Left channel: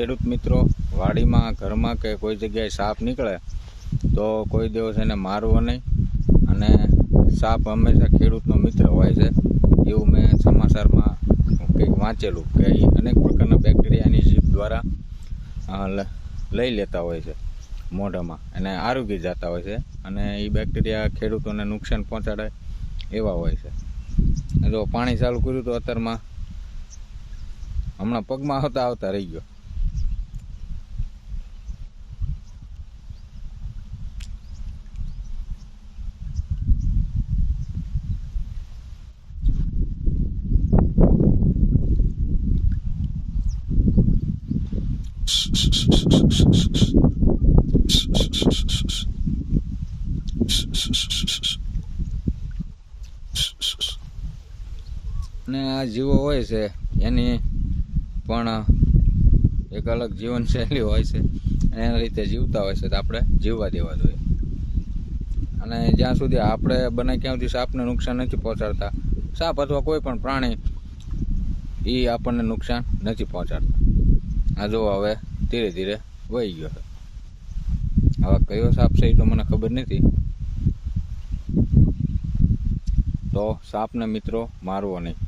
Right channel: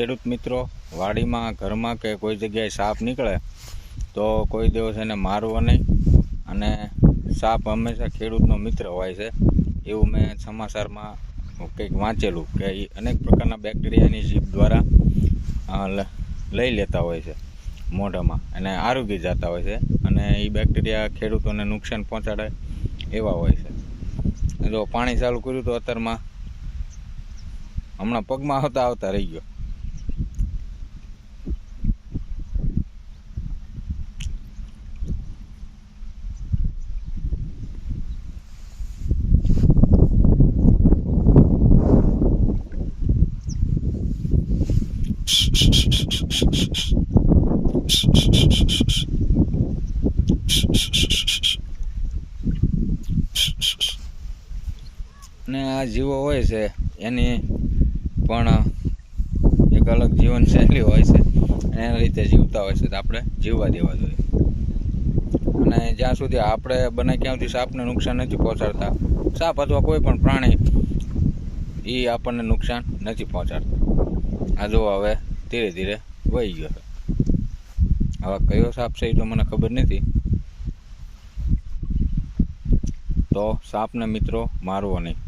ખેડૂત મિત્રો વાડીમાં ઘરમાં કે કોઈ જગ્યાએ સાપ નીકળે તો કોઈ દિવસ એને મારવો નહીં, અને સાપ હંમેશા ખેડૂતનો મિત્ર હોય છે એવું મેં સમાચારમાં કંઈક વાંચેલું કે અનેક પ્રકારના બેક્ટેરિયાની જીભ દ્વારા લઈ લેતા હોય છે મોઢામાં અને આરોગી જતા હોય છે, અને એ બેક્ટેરિયા ખેડૂતોને નુકસાન પહોંચાડે એવા હોય છે. જો પાણી ચાલુ કર્યું તો અત્યારમાં હમણાં પગમાં આવતા રહી ગયો. અને આ જીવો હોય છે એની પણ એક અલગ જીવનશૈલી હોય છે, એના રીતે જીવતા હોય છે તો આપણે જીવવા દેવા જોઈએ. અને જ્યાં સુધી આપણે બને ત્યાં સુધી સાપને નુકસાન નથી પહોંચાડતા, સાપ અથવા કોઈ પણ પ્રાણી એ આપણને નુકસાન નથી પહોંચાડતા. આ જો હવે ધીરે ધીરે વહી ગયો છે. હવે કયો સાપ છે એ તો મને ખબર નથી. તો સાપને મિત્રો મારવો નહીં.